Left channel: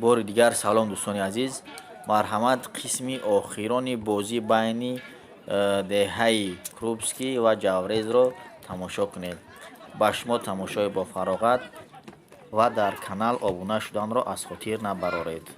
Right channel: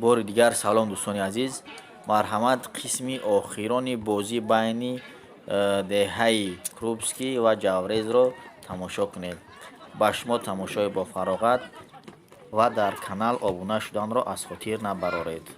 بار دیگر سلام دوستان عزیز. مرحمت قسمی آخرانی بازی بین دههای کروبسکی و جاورز را تماشا کنید. با شما تماشای با فراغت و در کانال ابونه شدن را از خاطر نبرارید.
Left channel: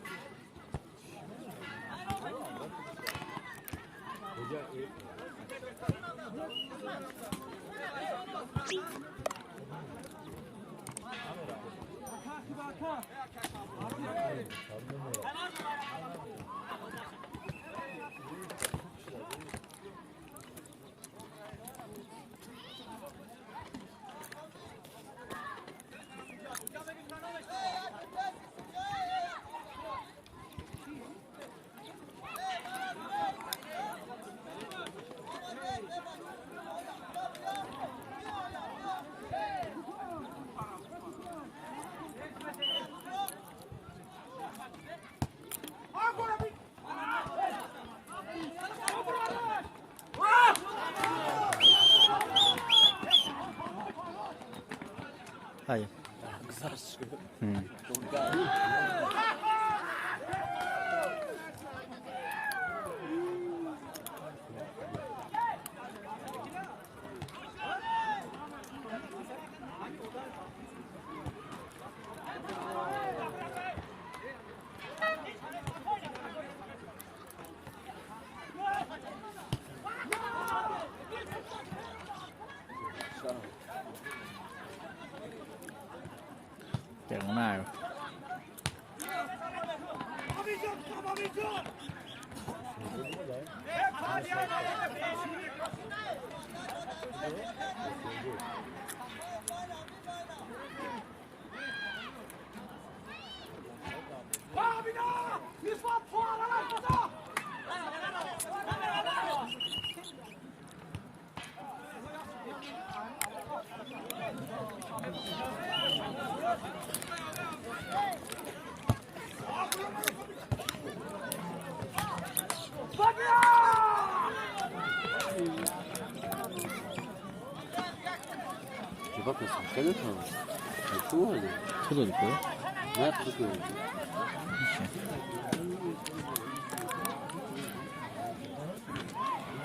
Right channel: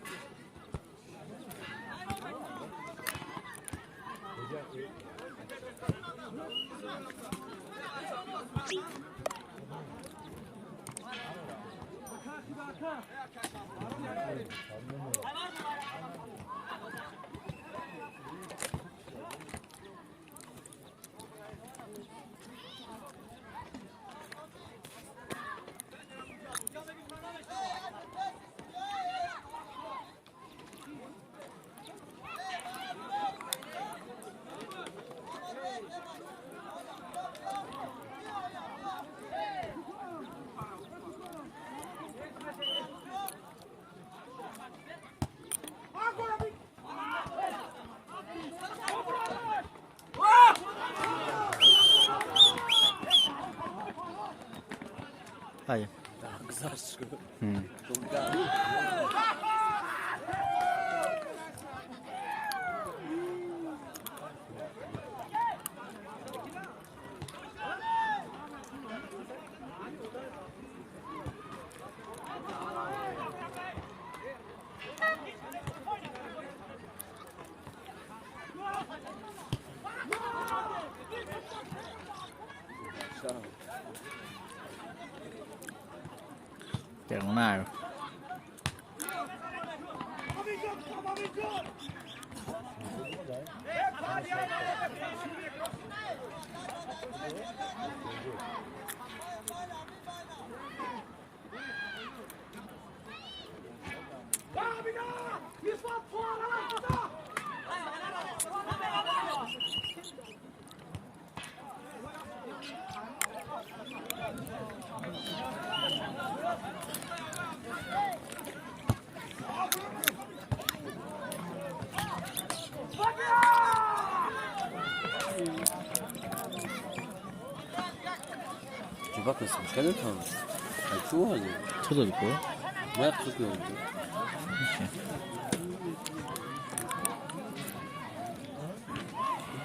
Hayır. Diagonal. Bak nasıl bir şey yok mu? Çok iyi. Co to tylko? Ne yaptık ya?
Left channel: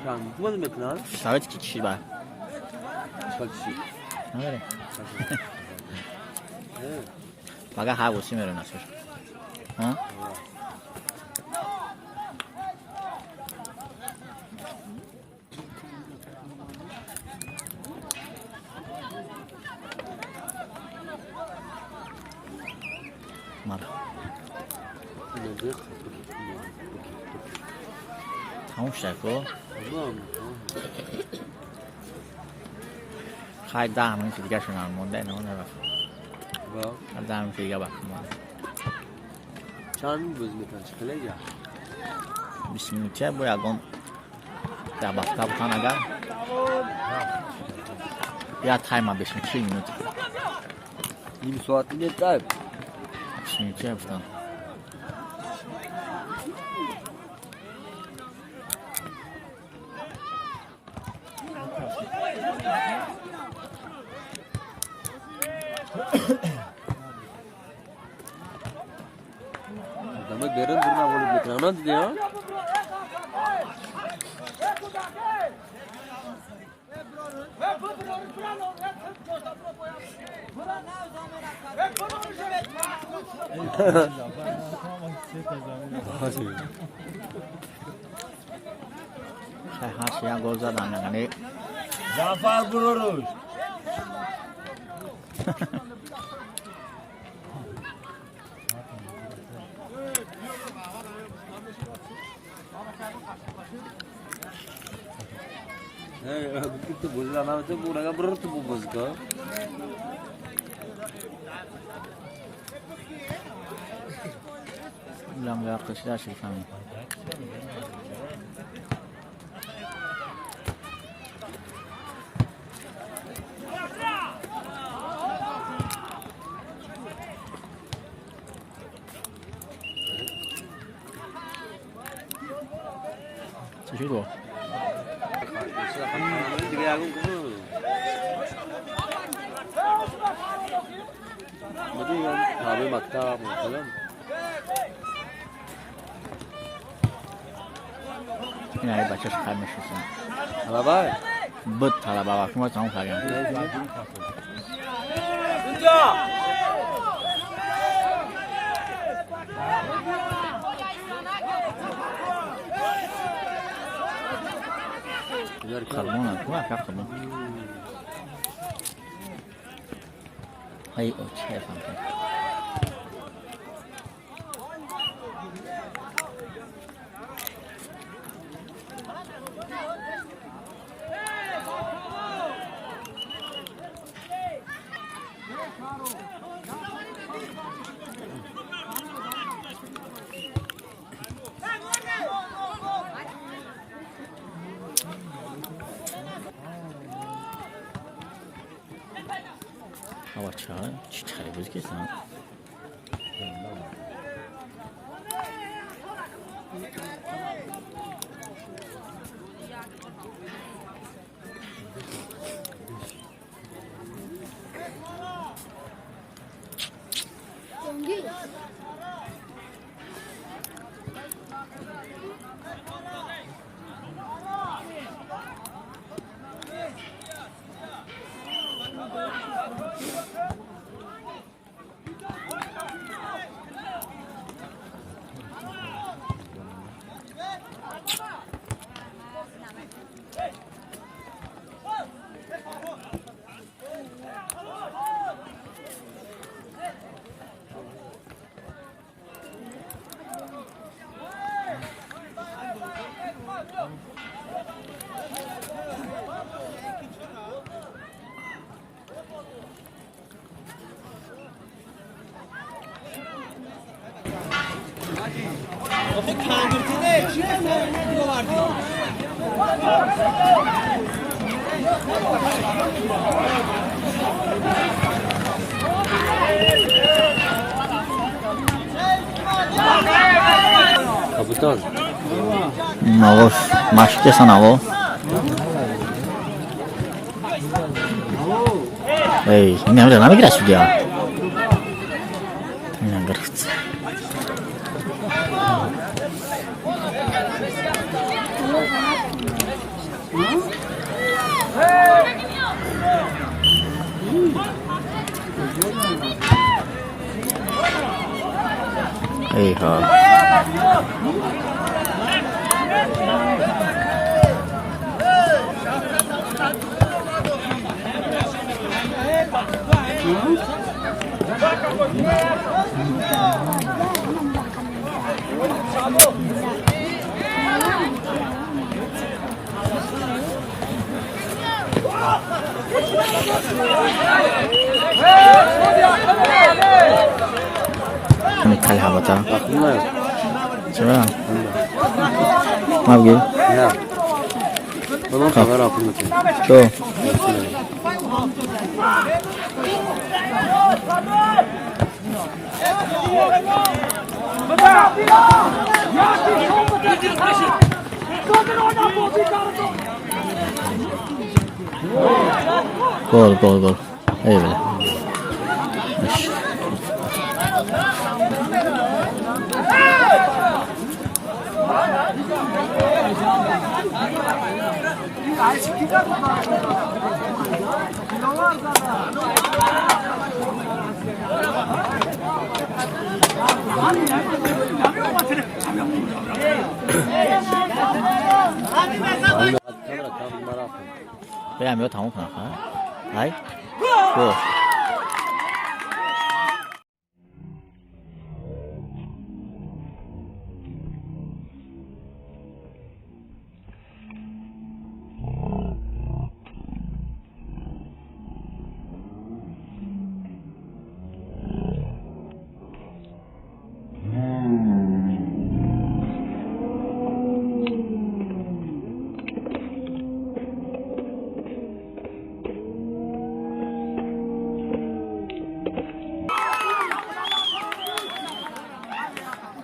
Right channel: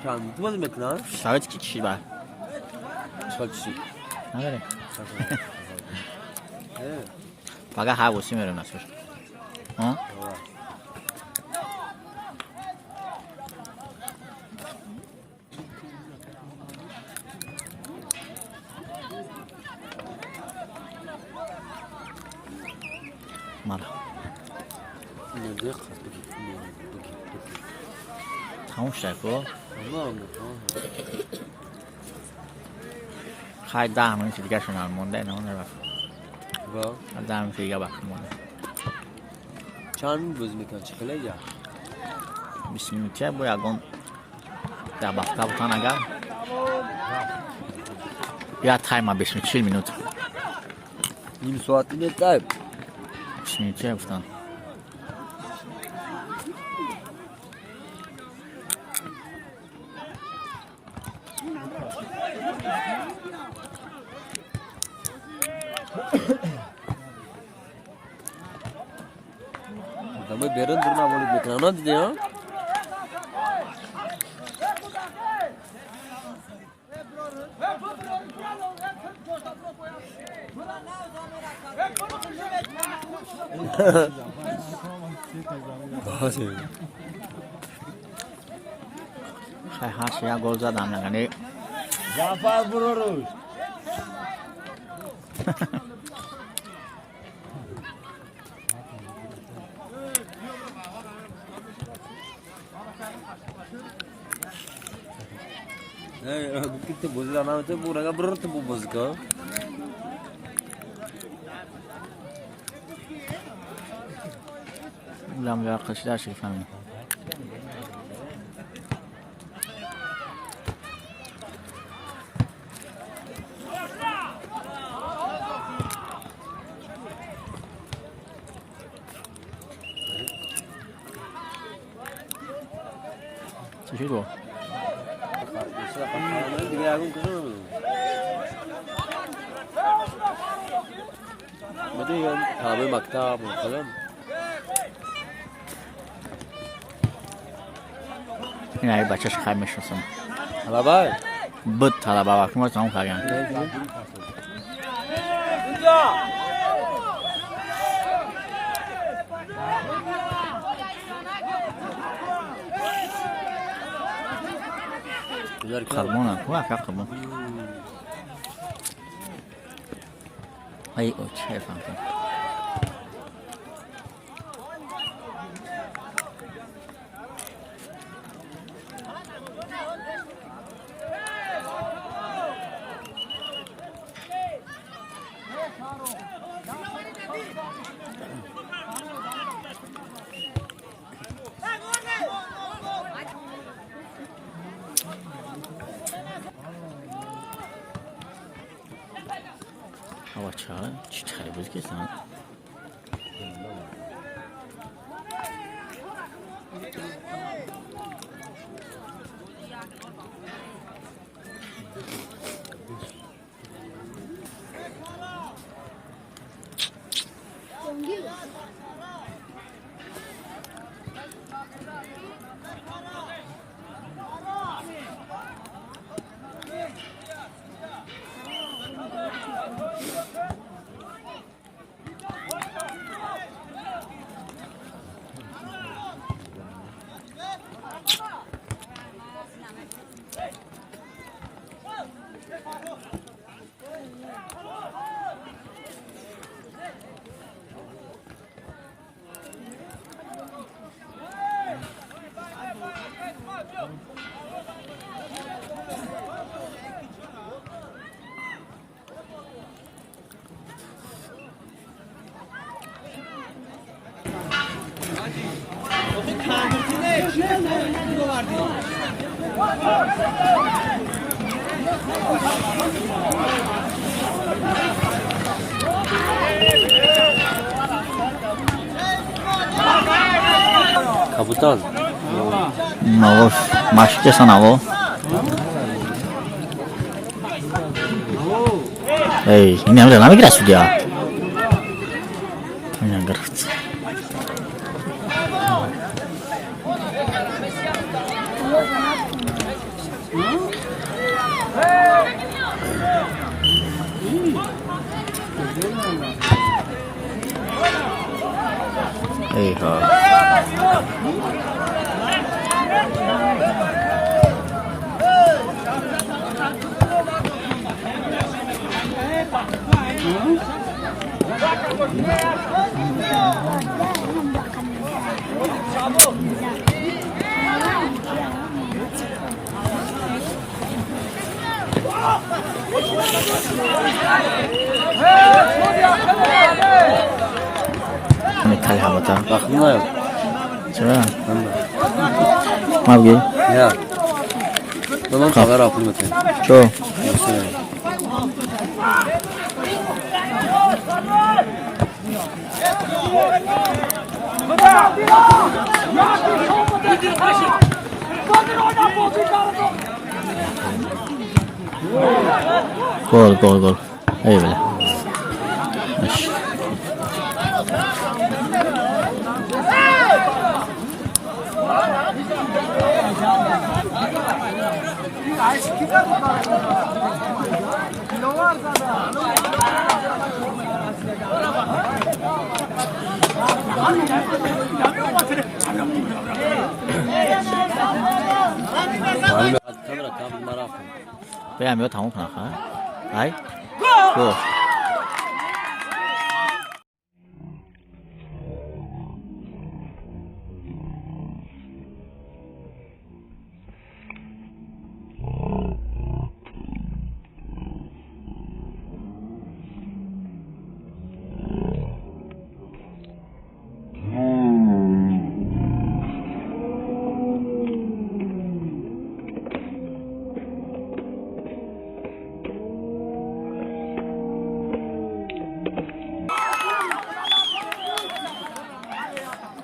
Tamam, bu ne demek lan? Saat 2 kişi var. Kaç kişi? Ne vereyim? Evet. فقط حواسی میرون اصلا ها مرا تموم شد کو خیلی 10 minut دیگه شونم مونده نه نرفت Var. 10 minut دیگه وقت مونده چند روز میکنه چکله یا 20 minut باید اگم در وقتا بودن اگر بیاد تایم 20 minut 40 minut نیم ساعت دیگه تایم 20 minut بودن Adamı beren durma olup mekanına dedi ya. her şeye gol زدن یعنی Zafer vururuz. Kita bola mana tu pura berat tu bos ka. لام یا قشلاش فهمی چی تو Berarti kan hari maktab, kan? این های بچهش خیلی میشناسم. بابا بود طلبه وقتی ما تمام کردیم. قربون کو افراد قربون های او چه فهمتم هوا چی خریبوز کسان Kabutaz. نواش مشکی کسان هوا ای این هم نمی گرستی دیا این هم گرفت ای ها میتالی حباتا چرا؟ ما بگی؟ نه من خبر آفر میکنم چو؟ گل ای بله برم یا تموم کنم خواهد ای شو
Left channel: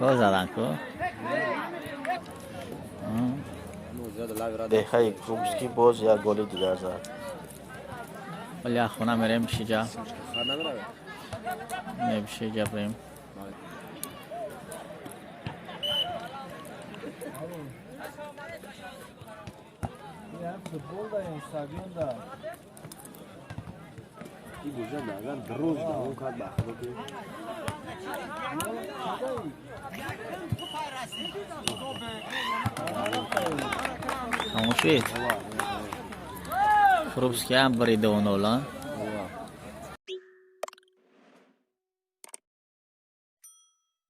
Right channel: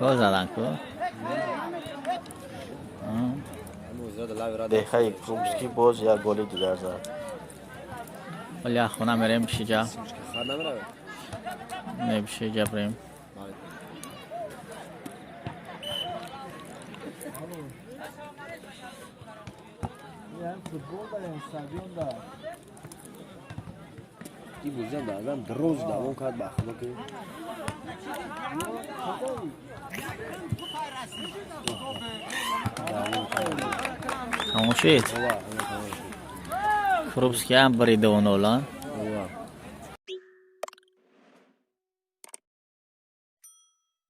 گل زدن که دههای کروبسکی باز یک گل دیگر زد ولی خونه میریم شجا نمیشه جا بریم این بوزه بعدم دروز دوام کرد بخمه که تماشید خروبسکی هم بریده اون اولا